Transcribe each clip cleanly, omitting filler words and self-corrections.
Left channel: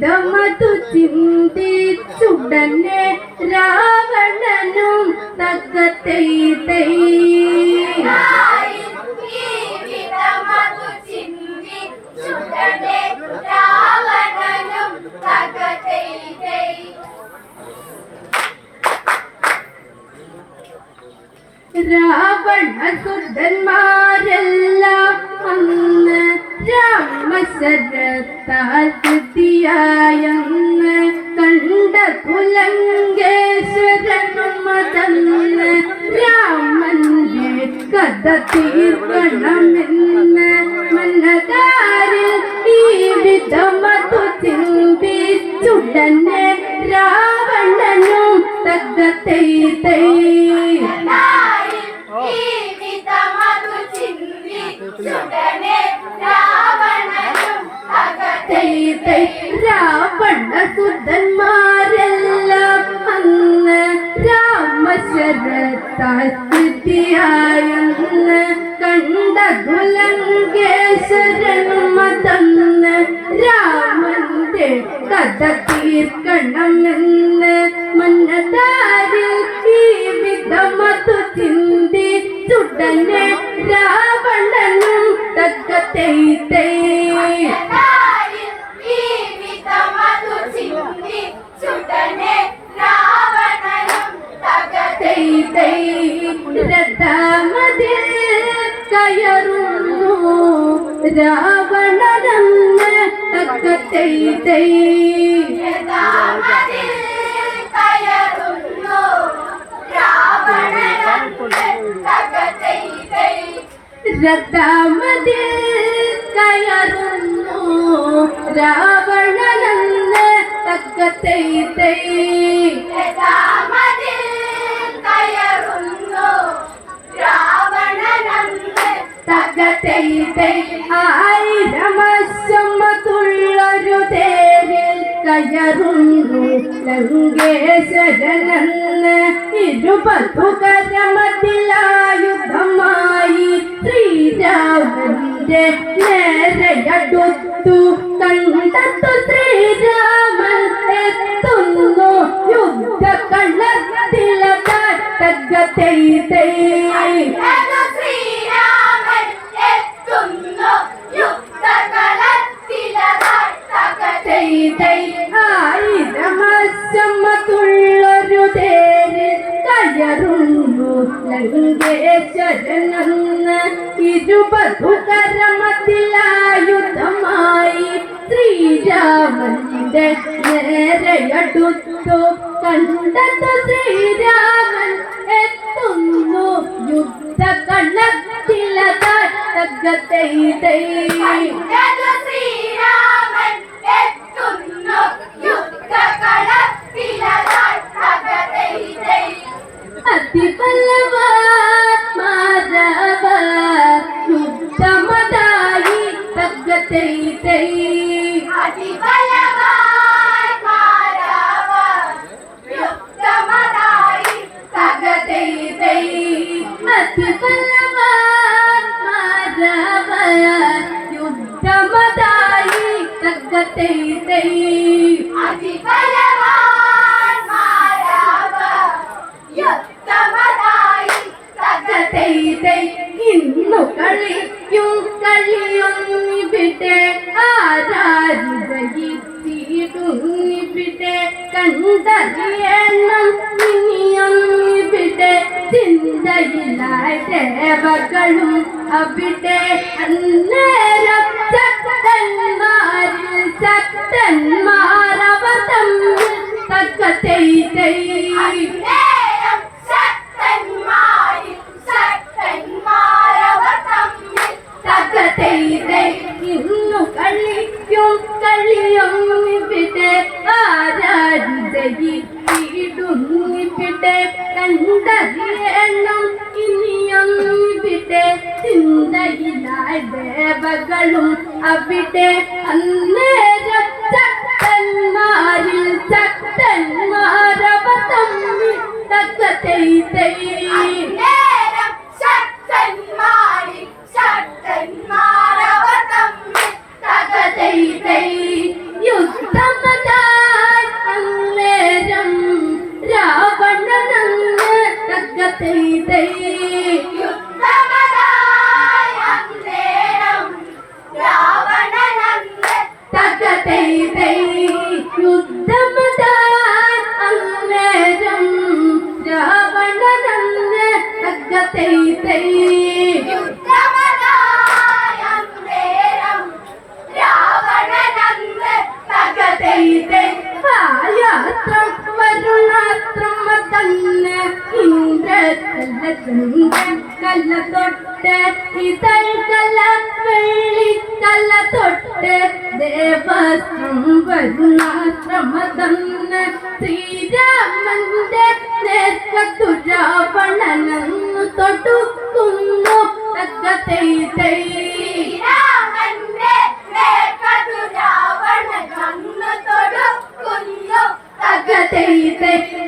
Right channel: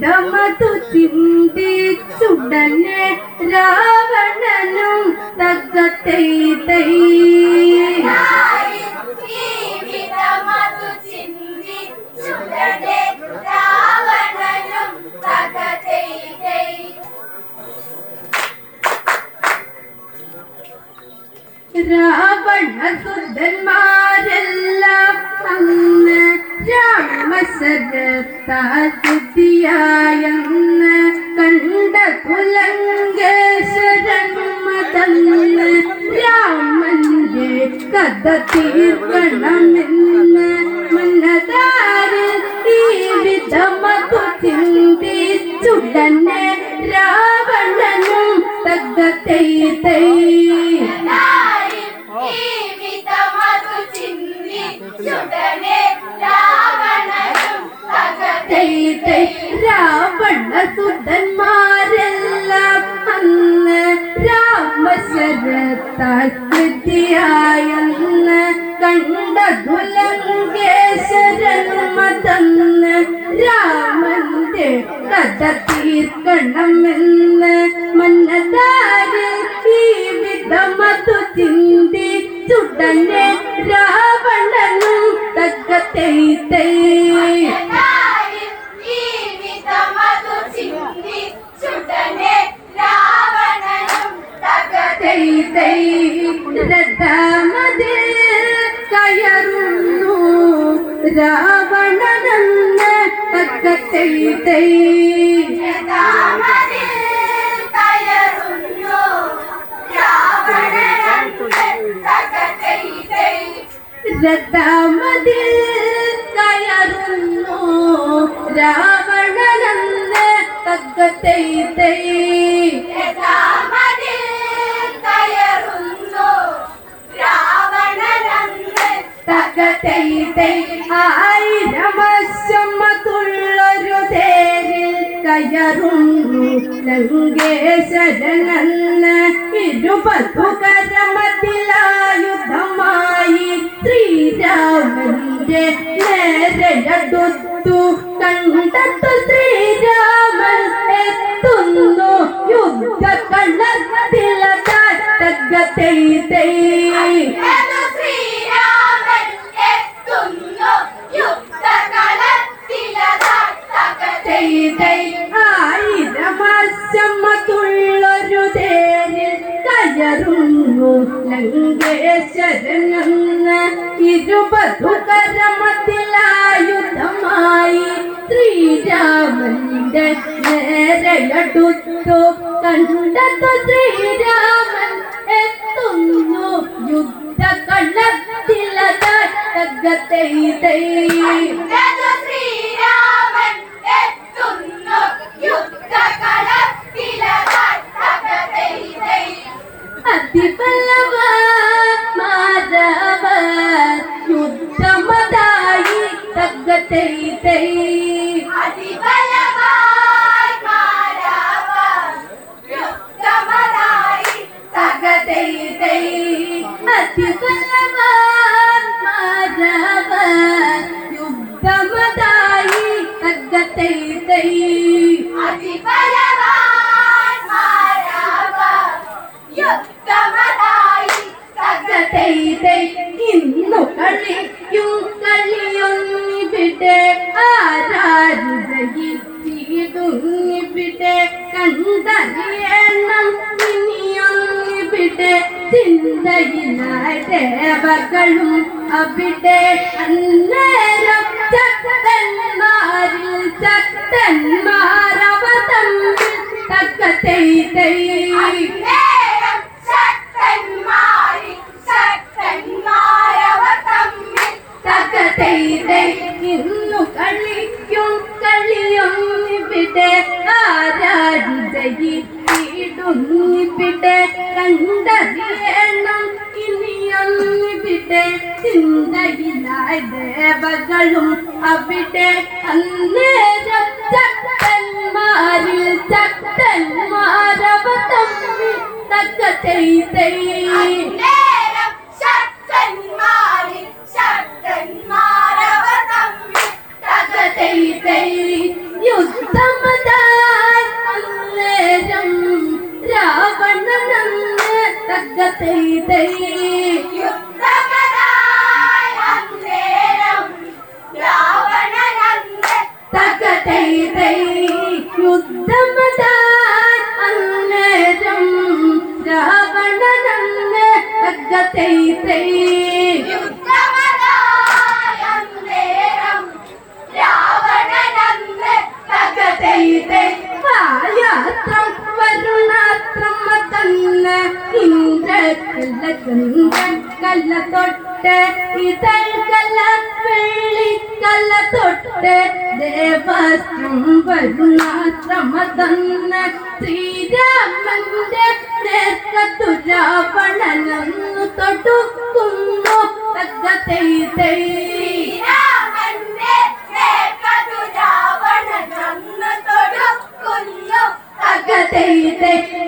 വിധമതു ചിന്തിച്ചുടനെ രാവണനും തകത്തൈ തൈ രാവണസുതന്മാരെല്ലാം അന്ന് രാമശരത്താതിയായെന്ന് കണ്ട തുലങ്കേശ്വരനുമതന്ന് രാമന്റെ കഥ തീർക്കണമെന്ന് മനതാരിൽ ഈ വിധമതു ചിന്തിച്ചുടനെ രാവണനും തകത്തൈ തൈ രാവണസുതന്മാരെല്ലാം അന്ന് രാമശരത്താൽ സിദ്ധിയായെന്ന് കണ്ട തുലങ്കേശ്വരനുമതന്ന് രാമന്റെ കഥ തീർക്കണമെന്ന് മനതാരിൽ ഈ വിധമതു ചിന്തിച്ചുടനെ രാവണനും തകത്തൈ തൈ രഥമതിൽ കയറുന്നു രാവണനെന്ന് തകത്തൈ തൈ രഥമതിൽ കയറുന്നു രാവണനെന്ന് തകത്തൈ തൈ ആയിരമശമതുള്ളൊരു തേരിൽ കയറുന്നു ലങ്കേശ്വരനെന്ന് ഇരുപതുകരമതിലായുധമായി ശ്രീരാമന്റെ നേരെയടുത്തു കണ്ടെത്തു ശ്രീരാമൻ എത്തുന്നു യുദ്ധകളത്തിലതകത്തൈ തൈ ആയിരമശമതുള്ളൊരു തേരിൽ കയറുന്നു ലങ്കേശ്വരനെന്ന് ഇരുപതുകരമതിലായുധമായി ശ്രീരാമന്റെ നേരെയടുത്തു കണ്ടെത്തു ശ്രീരാമൻ എത്തുന്നു യുദ്ധകളത്തിലതകത്തൈ തൈ അതിബലവാന്മാരവർ യുദ്ധമതായി തകത്തൈ തൈ അതിബലവാന്മാരവർ യുദ്ധമതായി തകത്തൈ തൈ ഇന്നു കളിയും കളിയൊന്നിവിടെ ആരാരിടയിടുന്നിവിടെ കണ്ടറിയണം ഇനിയൊന്നിവിടെ ചിന്തയിലായി ദേവകളും അവിടെ അന്നേരം ശക്തന്മാരിൽ ശക്തന്മാരവ തമ്മിൽ തകത്തൈ തൈ ഇന്നു കളിക്കും കളിയൊന്നിവിടെ ആരാരിടയിടുന്നിവിടെ കണ്ടറിയണം ഇനിയൊന്നിവിടെ ചിന്തയിലായി ദേവകളും അവിടെ അന്നേരം ശക്തന്മാരിൽ ശക്തന്മാരവ തമ്മിൽ തകത്തൈ തൈ യുദ്ധമ തൈ തൈ തക തൈ തൈ യുദ്ധമതാൻ അന്നേരം രാവണനന്ന് തക തൈ തൈ ആയാത്രം വരുണാത്രം തന്ന് ഇന്ദ്രകല്ല ചന്ദ്രൻ കല്ല തൊട്ട് ഇതൾ കല്ല വെള്ളിക്കല്ല തൊട്ട് ദേവസ്ത്രം വരുണാശ്രമ തന്ന് ശ്രീരാമന്റെ നേർക്കത്തു രാവണനന്നു തൊടുക്കുന്നു തക തൈ തൈ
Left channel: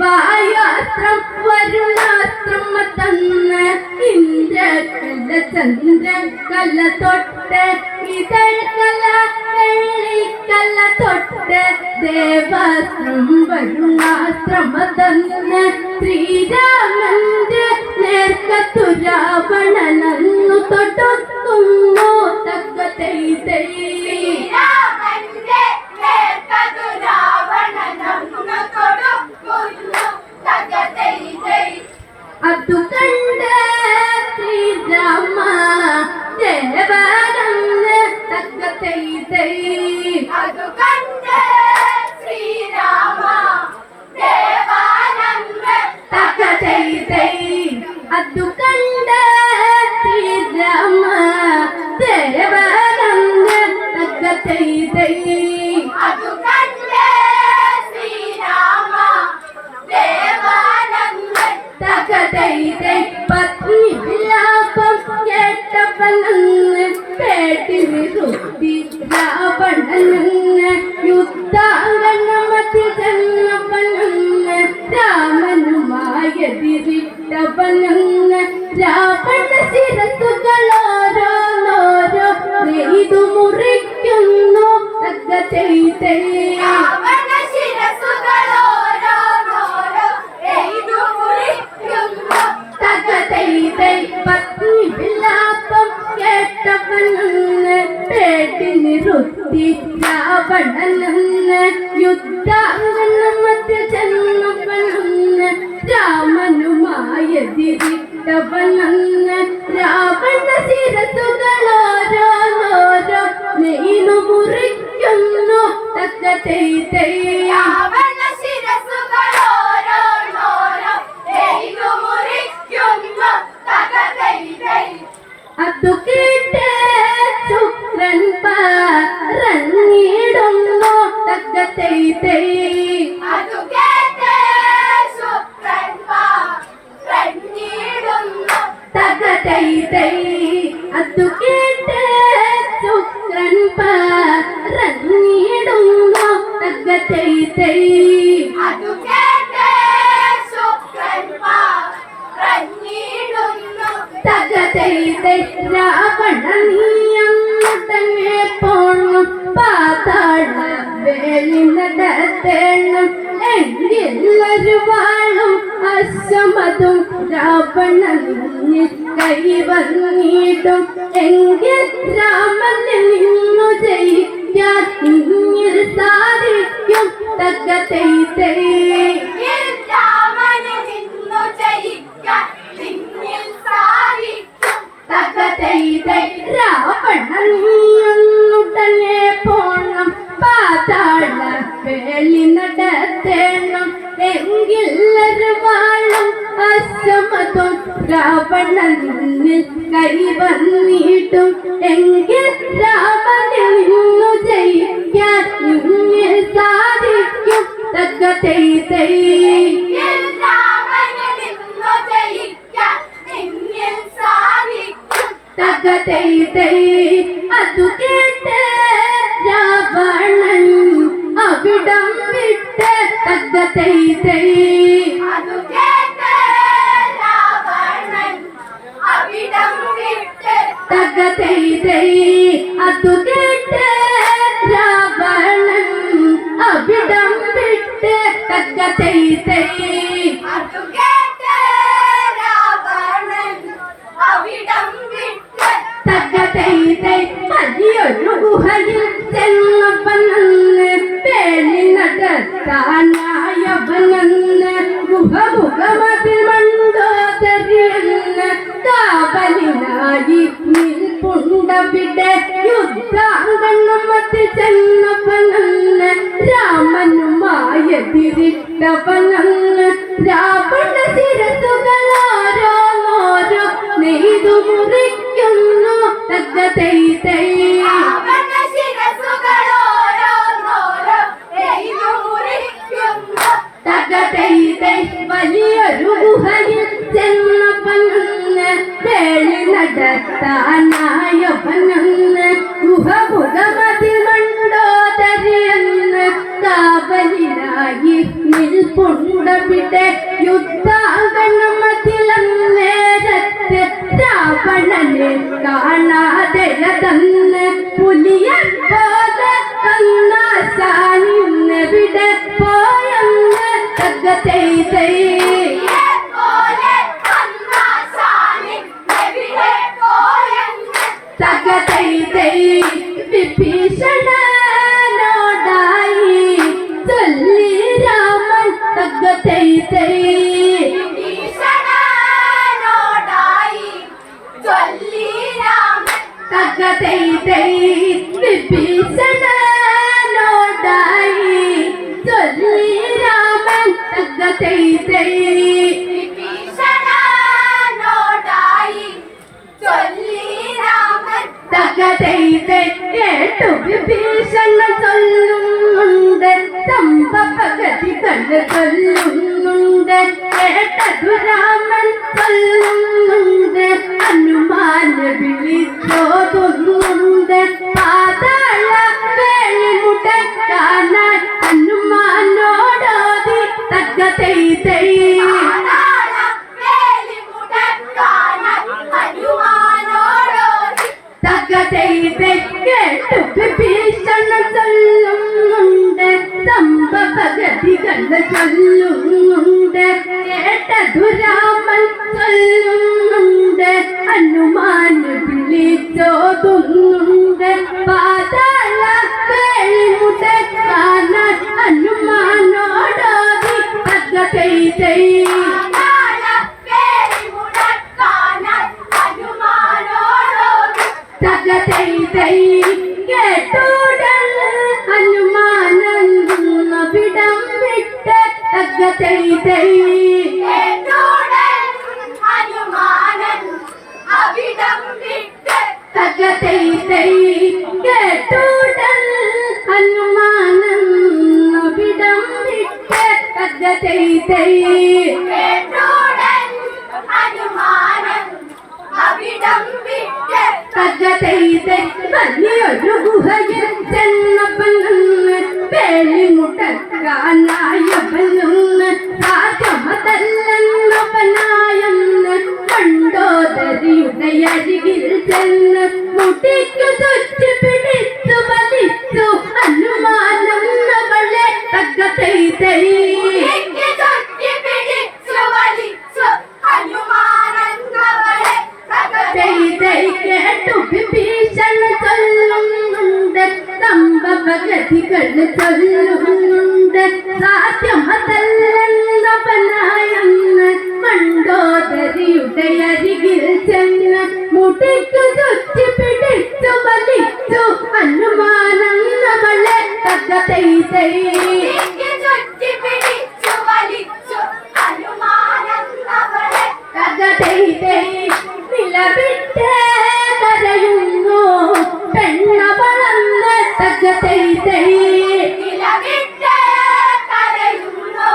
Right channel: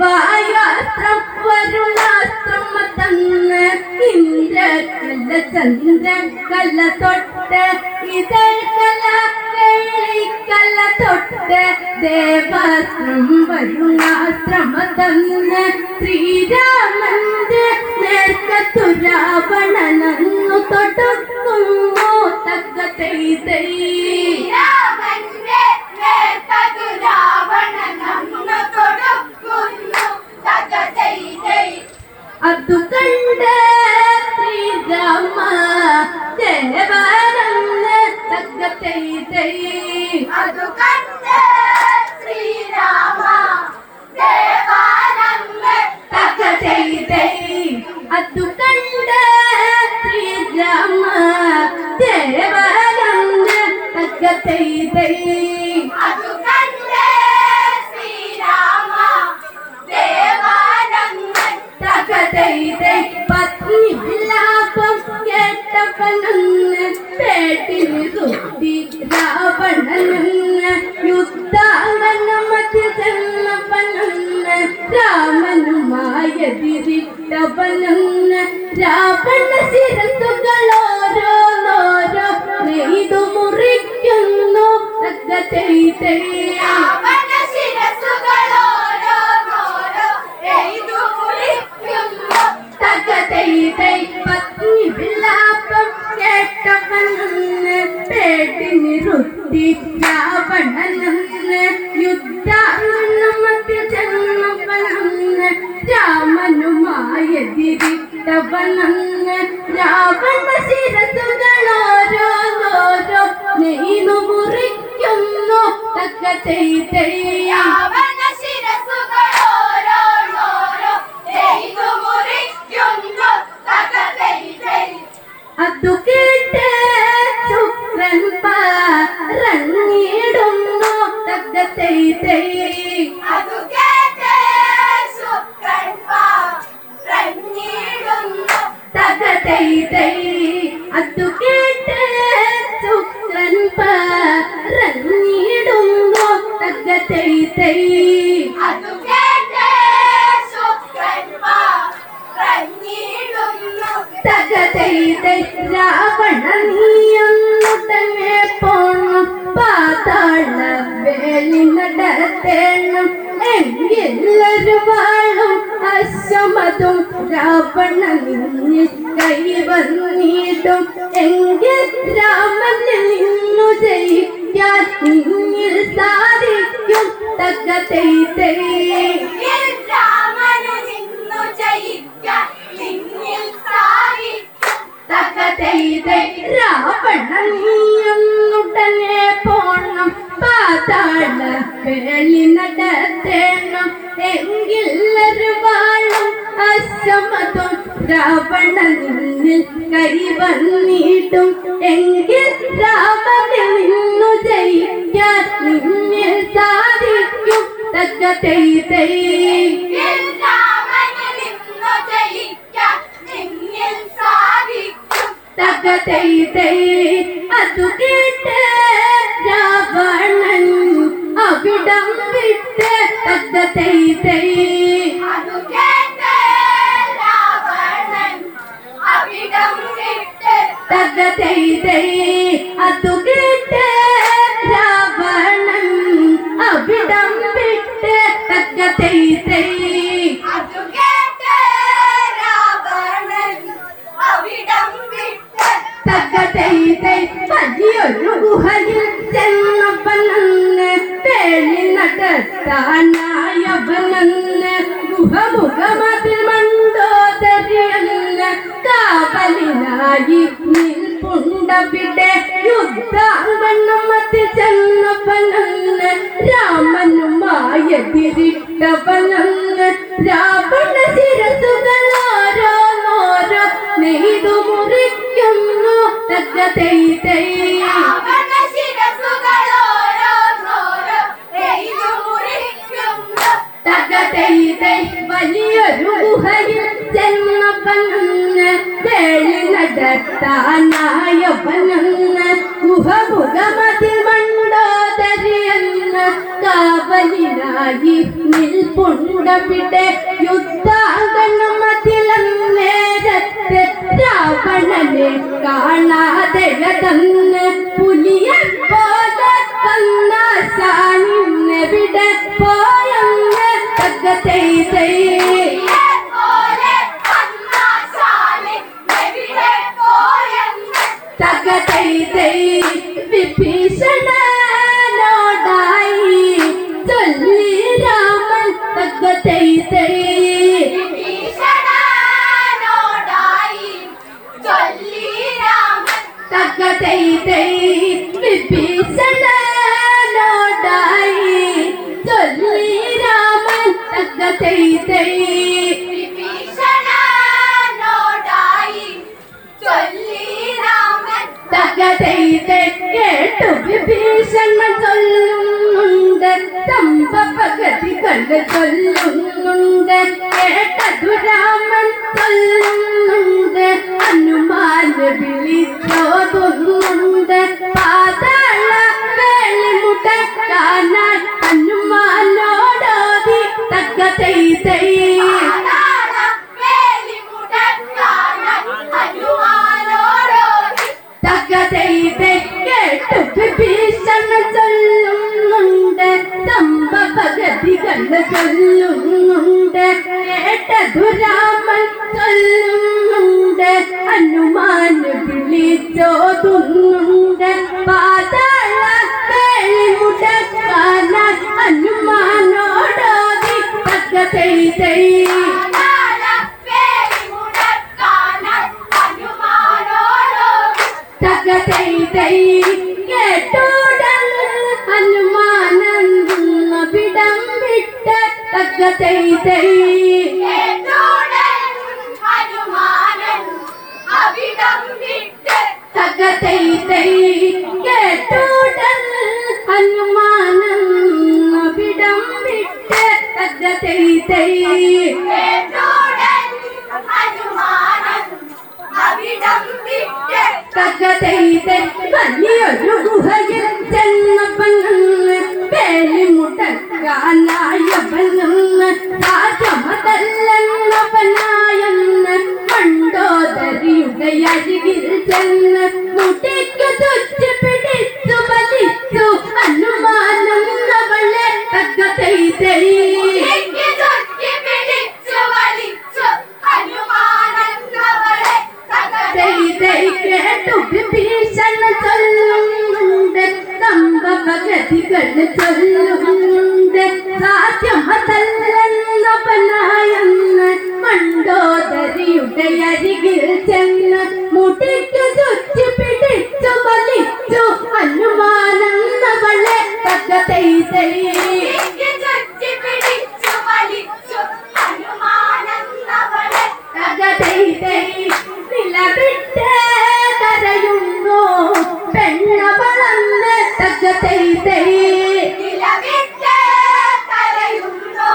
വായാസ്ത്രം വരുണാസ്ത്രം തന്ന് ഇന്ദ്രകല്ല ചന്ദ്രൻ കല്ല തൊട്ട് ഇതൾ കല വെള്ളിക്കല്ല തൊട്ട് ദേവാസ്ത്രം വരുണാശ്രമ തന്ന് ശ്രീരാമന്റെ നേർക്കത്തു രാവണനന്നു തൊടുക്കുന്നു തക തൈ തൈ അതു കണ്ട ശ്രീരാമ ദേവാനന്ദ തക തൈ തൈ അതു കണ്ട ശ്രീരാമ ദേവാനന്ദ തക തൈ തൈ അതു കണ്ട ശ്രീരാമ ദേവാനന്ദ തക തൈ തൈ അതു കണ്ട ശ്രീരാമ ദേവാനന്ദ തക തൈ തൈ പത്നി വിലാപം കേട്ടവനെന്ന് പേട്ടിന് തൊട്ടി രാവണനെന്ന് യുദ്ധാംഗനമതിൽ ചെന്നവനെന്ന് രാമനുമായെതിരിട്ടവനെന്ന് രാവണ ശിരസ്സുകളോരോന്നോരോ നെയ്തു മുറിക്കുന്നു തക തൈ തൈ രാവണ ശിരസ്സുകളോരോന്നോരോ നെയ്തു മുറിക്കുന്നു തക തൈ തൈ പത്നി വിലാപം കേട്ടവനെന്ന് പേട്ടിന് റുത്തി രാവണനെന്ന് യുദ്ധാംഗനമതിൽ ചെന്നവനെന്ന് രാമനുമായെതിരിട്ടവനെന്ന് രാവണ ശിരസ്സുകളോരോന്നോരോ നെയ്തു മുറിക്കുന്നു തക തൈ തൈ രാവണ ശിരസ്സുകളോരോന്നോരോ നെയ്തു മുറിക്കുന്നു തക തൈ തൈ അതു കേട്ട് ശുക്രൻ പറഞ്ഞിടുന്നു തക തൈ തൈ അതു കേട്ട് ശുക്രൻ പറഞ്ഞിടുന്നു തക തൈ തൈ അതു കേട്ട് ശുക്രൻ പറഞ്ഞിടുന്നു തക തൈ തൈ അതു കേട്ട് ശുക്രൻ പറഞ്ഞിടുന്നു തക തൈ തൈ രാവണ നീയൊന്നു തന്നെ പോണം പാതാള വേലി നടത്തേണം എങ്കിലൊരു വാളും അശ്വമതും രാവണ നിന്നിൽ കൈവന്നിടും എങ്കിൽ രാമനിൽ നിന്നു ജയിക്കാൻ നിന്നിൽ സാധിക്കും തക തൈ തൈ രാമന് നിന്നു ജയിക്കാൻ നിന്നിൽ സാധിക്കും തക തൈ തൈ രാവണ നീയൊന്നുടനെ പോണം പാതാള വേലി നടത്തേണം എങ്കിലൊരു വാളും അശ്വമതും രാവണ നിന്നിൽ കൈവന്നിടും എങ്കിൽ രാമനിൽ നിന്നു ജയിക്കാൻ നിന്നിൽ സാധിക്കും തക തൈ തൈ രാമന് നിന്നു ജയിക്കാൻ നിന്നിൽ സാധിക്കും തക തൈ തൈ അതു കേട്ട് രാവണൻ അവിടം വിട്ട് തക തൈ തൈ അതു കേട്ട് രാവണൻ അവിടം വിട്ട് തക തൈ തൈ അതു കേട്ട് രാവണൻ അവിടം വിട്ട് തക തൈ തൈ അതു കേട്ട് നടത്താനായവനെന്ന് മുഖമുഖമതിൽ മണ്ടോദരിയെന്ന് കാവലിനായി നിൽപ്പുണ്ടവിടെ യുദ്ധാംഗണമതി ചെന്നവനെന്ന് രാമനുമായെതിരിട്ടവനെന്ന് രാവണ ശിരസുകളോരോന്നോരോ നെയ്തു മുറിക്കുന്നു തകതൈ തൈ രാവണ ശിരസ്സുകളോരോന്നോരോ നെയ്തു മുറിക്കുന്നു. തകതൈ തൈ വലിയൊരു ഗുഹയിൽ ചെന്നവനെന്ന് വേളി നടത്താനായവനെന്ന് ഗുഹമുഖമതിൽ മണ്ടോദരിയെന്ന് കാവലിനായി നിൽപ്പുണ്ടവിടെ യുദ്ധാംഗണമതിലന്നേരത്ത് രാവണനെ കാണാതെയതന്ന് പുലിയെ പോലെ കന്നാശാനിന്നെവിടെ പോയെന്ന് തകതൈ തൈ പോലെ കണ്ണാശാനി എവിടെ പോയെന്ന് തകതൈ തൈ വിഭീഷണനോടായി ചൊല്ലി രാമൻ തകതൈ തൈ വിഭീഷണനോടായി ചൊല്ലി രാമൻ തകതൈ തൈ വിഭീഷണനോടായി ചൊല്ലി രാമൻ തകതൈ തൈ വിഭീഷണനോടായി ചൊല്ലി രാമൻ തകതൈ തൈ കേട്ടു വിഭീഷണൻ ചൊല്ലുന്നുണ്ട് സംഭവഗതികൾ ചൊല്ലുന്നുണ്ട് കേട്ടതു രാമൻ ചൊല്ലുന്നുണ്ട് ഹനുമാൻ വിളിച്ചോതുന്നുണ്ട് പാതാള വേളിമുടക്കാനായി ഹനുമാനോടോതി തകതൈ തൈ പാതാള വേലിമുടക്കാനായി ഹനുമാനോടോതി തകതൈ തൈ കേട്ടു വിഭീഷണൻ ചൊല്ലുന്നുണ്ട് സംഭവഗതികൾ ചൊല്ലുന്നുണ്ട് കേട്ടതു രാമൻ ചൊല്ലുന്നുണ്ട് ഹനുമാൻ വിളിച്ചോതുന്നുണ്ട് പാതാള വേളിമുടക്കാനായി ഹനുമാനോടോതി തകതൈ തൈ പാതാള വേലിമുടക്കാനായി ഹനുമാനോടോതി തകതൈ തൈ കേട്ടോടൻ ഹനുമാനവിടം വിട്ട് തകതൈ തൈ കേട്ടോടൻ ഹനുമാനൻ അവിടം വിട്ട് തകതൈ തൈ കേട്ടോടൻ ഹനുമാനവിടം വിട്ട് തകതൈ തൈ കേട്ടോടൻ ഹനുമാനൻ അവിടം വിട്ട് തകതൈ തൈ വലിയൊരു ഗുഹയിൽ ചെന്നവനെന്ന് വേലിമുടക്കാനായവനെന്ന് സാധ്യമതല്ലെന്നവനായെന്ന് മണ്ടോദരിയുടെ അരികിൽ ചെന്ന് മുട്ടിക്കു തുച്ചു പിടിച്ചു വലിച്ചു ഹനുമാനെന്നവളെ തകതൈ തൈ എനിക്ക് ചുറ്റി പിടിച്ചു വലിച്ചു ഹനുമാനെന്നവളെ തകതൈ തൈ കേട്ടു വിഭീഷണ ചൊല്ലുന്നുണ്ട് സംഭവഗതികൾ ചൊല്ലുന്നുണ്ട് സാധ്യമതല്ലെന്നവനായെന്ന് മണ്ടോദരിയുടെ അരികിൽ ചെന്ന് മുട്ടിക്കു ചുറ്റി പിടിച്ചു വലിച്ചു ഹനുമാനെന്നവളെ തകതൈ തൈ എനിക്ക് ചുറ്റി പിടിച്ചു വലിച്ചു ഹനുമാനെന്നവളെ തകതൈ തൈ നിലവിട്ട് കരയുന്നു പെണ്ണവളന്ന് തകതൈ തൈ നിലവിട്ട് കരയുന്നു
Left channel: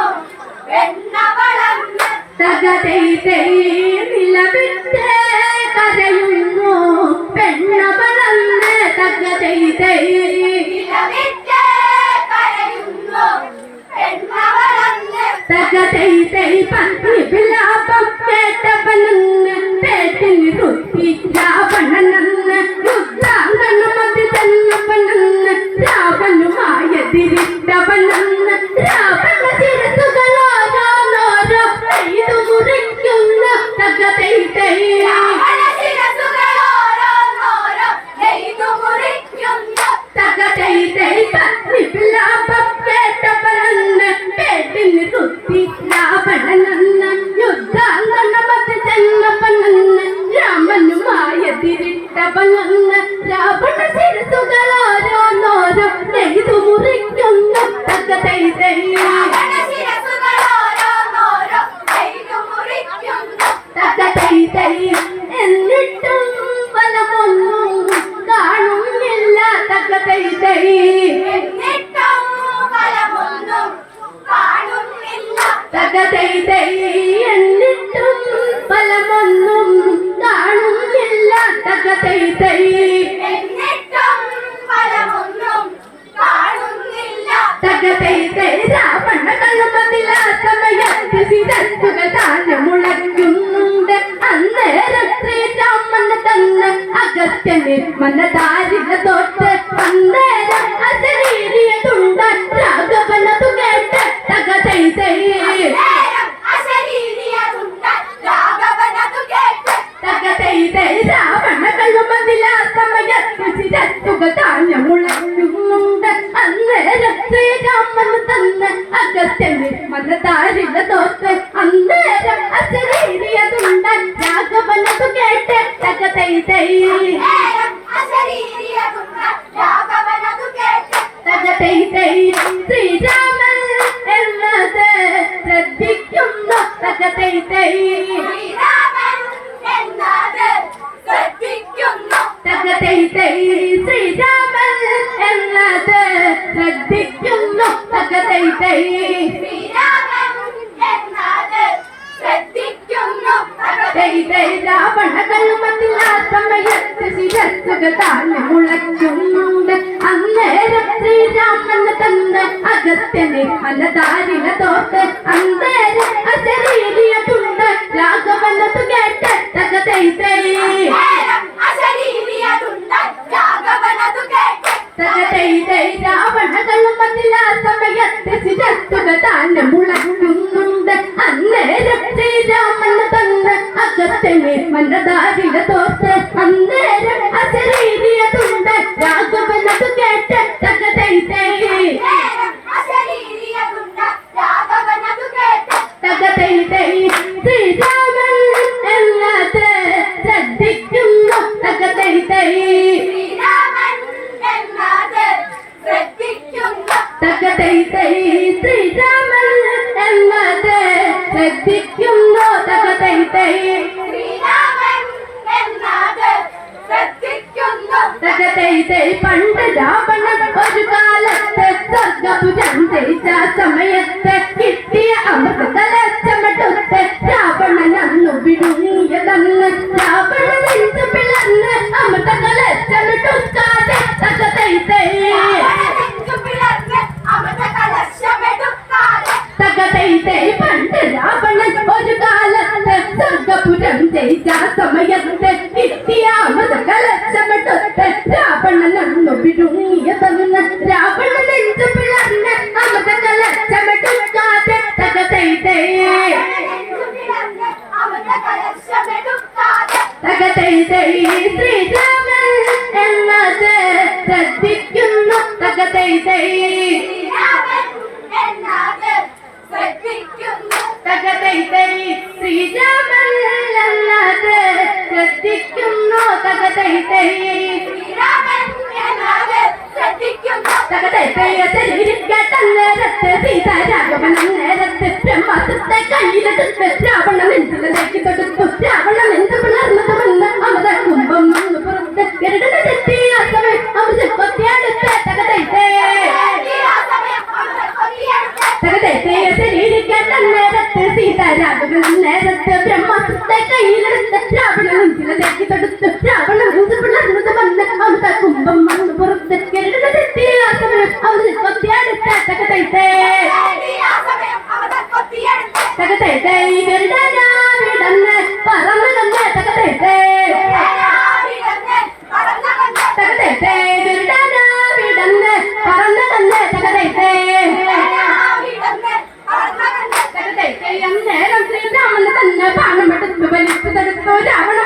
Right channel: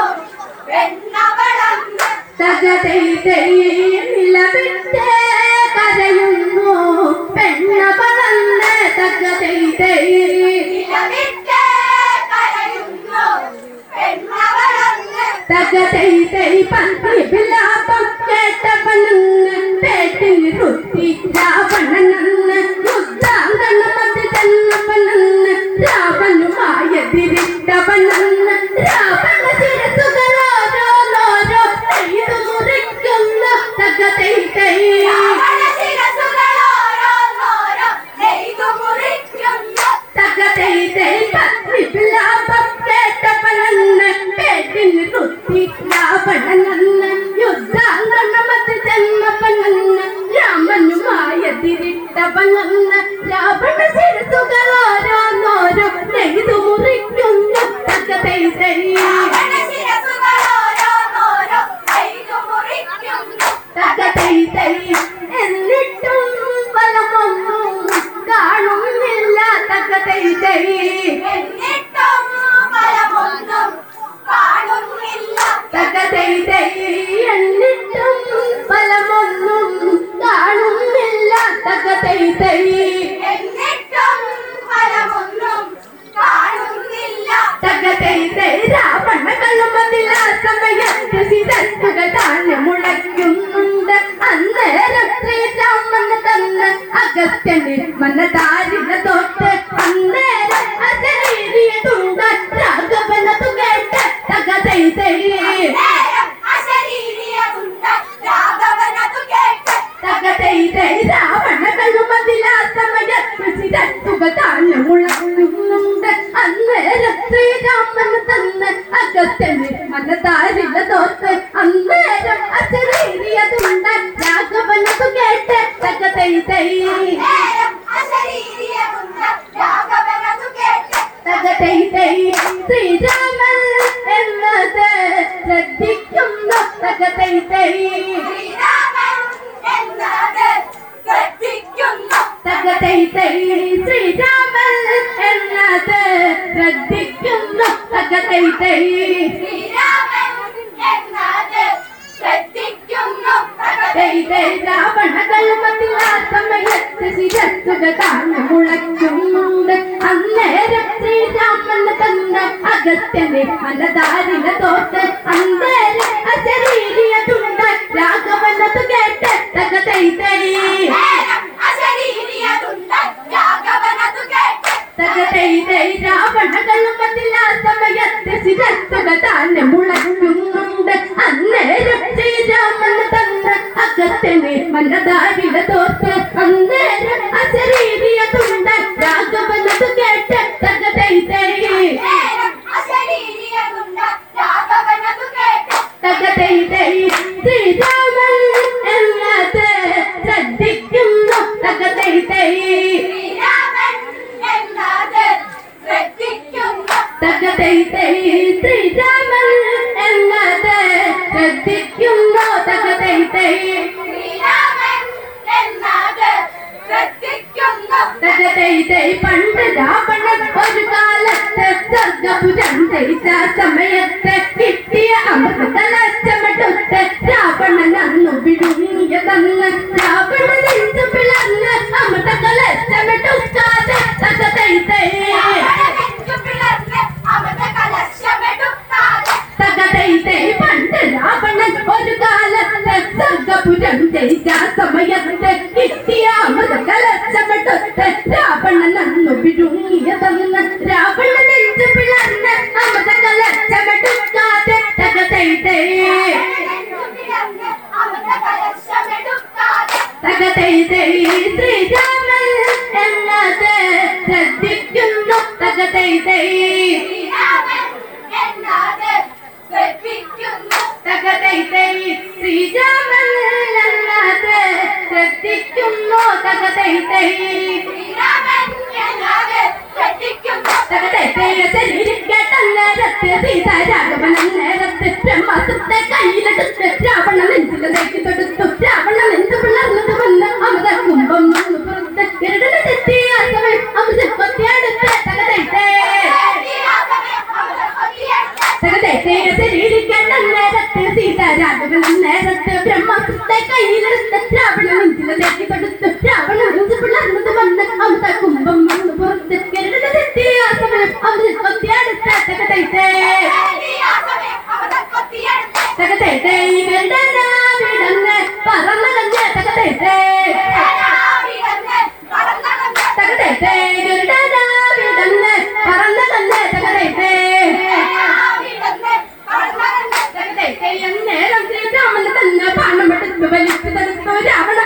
പെണ്ണവളന്ന് തകതൈ തൈ നിലവിട്ട് കരയുന്നു പെണ്ണവളന്ന് തകതൈ തൈ നിലവിട്ട് കരയുന്നു പെണ്ണവളന്ന് തകതൈ തൈ പത്നി വിലാപം കേട്ടവനെന്ന് പേട്ടിന് കുത്തി രാവണനെന്ന് യുദ്ധാംഗണമതി ചെന്നവനെന്ന് രാവണുമായെതിരിട്ടവനെന്ന് രാവണ ശിരസുകളോരോന്നോരോ നെയ്തു മുറിക്കുന്നു തകതൈ തൈ രാവണ ശിരസ്സുകളോരോന്നോരോ നെയ്തു മുറിക്കുന്നു തകതൈ തൈ പത്നി വിലാപം കേട്ടവനെന്ന് തകതൈതൈ രാവണ കള്ളുമതിൽ ആ സമയത്ത് ശിരസ്സുകൾ താഴെ മുളയ്ക്കുന്നുണ്ട്. അന്നേരം ശ്രീരാമന് തന്ന് അഗസ്ത്യന് മനതാരില തൊട്ട് അന്നേരം അശരീരിയതുണ്ടാൻ രാഘവനതു കേട്ട് തകതൈതൈ തകതൈതൈ രാവണ കള്ളുമതിൽ ആ സമയത്ത് ശിരസ്സുകൾ താഴെ മുളയ്ക്കുന്നുണ്ട്. അന്നേരം ശ്രീരാമന് തന്ന് അഗസ്ത്യന് മനതാരില തൊട്ട് അന്നേരം അശരീരിയതുണ്ടാൻ രാഘവനതു കേട്ട് തകതൈതൈ തകതൈതൈ ശ്രീരാമൻ എന്നത് ശ്രദ്ധിക്കുന്നു. തകതൈതൈ തകതൈതൈ ശ്രീരാമൻ എന്നത് ശ്രദ്ധിക്കുന്നു. തകതൈതൈ തകതൈതൈ രാവണ കള്ളുമതിൽ ആ സമയത്ത് ശിരസ്സുകൾ താഴെ മുളയ്ക്കുന്നുണ്ട്. അന്നേരം ശ്രീരാമന് തന്ന് അഗസ്ത്യന് മനതാരില തൊട്ട് അന്നേരം അശരീരിയതുണ്ടാൻ രാഘവനതു കേട്ട് തകതൈതൈ തകതൈതൈ രാവണ കള്ളുമതിൽ ആ സമയത്ത് ശിരസ്സുകൾ താഴെ മുളയ്ക്കുന്നുണ്ട്. അന്നേരം ശ്രീരാമന് തന്ന് അഗസ്ത്യന് മനതാരില തൊട്ട് അന്നേരം അശരീരിയതുണ്ടാൻ രാഘവനതു കേട്ട് തകതൈതൈ തകതൈതൈ ശ്രീരാമൻ എന്നത് ശ്രദ്ധിക്കുന്നു. തകതൈതൈ തകതൈതൈ ശ്രീരാമൻ എന്നത് ശ്രദ്ധിക്കുന്നു. തകതൈതൈ തകതൈതൈ പണ്ട് രാവണൻ ഒരു കാലത്ത് സ്വർഗപുരം ജയിച്ച സമയത്ത് കിട്ടിയ അമൃതകലശമെടുത്ത് രാവണൻ അന്നു വിഴുങ്ങിയതന്ന് രാവണൻ നെഞ്ചു പിളർന്ന് അമൃതകലശമെടുക്കാതെ തകതൈതൈ തകതൈതൈ പണ്ട് രാവണൻ ഒരു കാലത്ത് സ്വർഗപുരം ജയിച്ച സമയത്ത് കിട്ടിയ അമൃതകലശമെടുത്ത് രാവണൻ അന്നു വിഴുങ്ങിയതന്ന് രാവണൻ നെഞ്ചു പിളർന്ന് അമൃതകലശമെടുക്കാതെ തകതൈതൈ തകതൈതൈ ശ്രീരാമൻ എന്നത് ശ്രദ്ധിക്കുന്നു. തകതൈതൈ തകതൈതൈ ശ്രീരാമൻ എന്നത് ശ്രദ്ധിക്കുന്നു. തകതൈതൈ തകതൈതൈ ശരീരിക്കന്നേരത്ത് സീത രാഘവൻ നേരത്ത് ബ്രഹ്മാസ്ത്രത്തെ കയ്യിലെടുത്ത് രാവണ നെഞ്ചിലേക്ക് തൊടുത്തു. രാവണ നെഞ്ചു പിളർന്നത് വന്ന് അമൃത കുംഭം വന്നു പുറത്ത് ഗരുഡനെത്തിയ സമയം അമൃത കൊത്തിയെടുത്ത് തകതൈതൈ തകതൈതൈ ശരീരിക്കന്നേരത്ത് സീത രാഘവൻ നേരത്ത് ബ്രഹ്മാസ്ത്രത്തെ കയ്യിലെടുത്ത് രാവണ നെഞ്ചിലേക്ക് തൊടുത്തു. രാവണ നെഞ്ചു പിളർന്നത് വന്ന് അമൃത കുംഭം വന്നു പുറത്ത് ഗരുഡനെത്തിയ സമയം അമൃത കൊത്തിയെടുത്ത് തകതൈതൈ തകതൈതൈ ഗരുഡനാവിടന്ന് പറന്നകന്ന് തകതൈതൈ തകതൈതൈ ഗരുഡനാവിടന്ന് പറന്നകന്ന് തകതൈതൈ തകതൈതൈ അന്നേരം ശ്രീരാമന് തന്നെ ബാണമെടുത്ത് വലിച്ചു തടുത്തു. രാവണ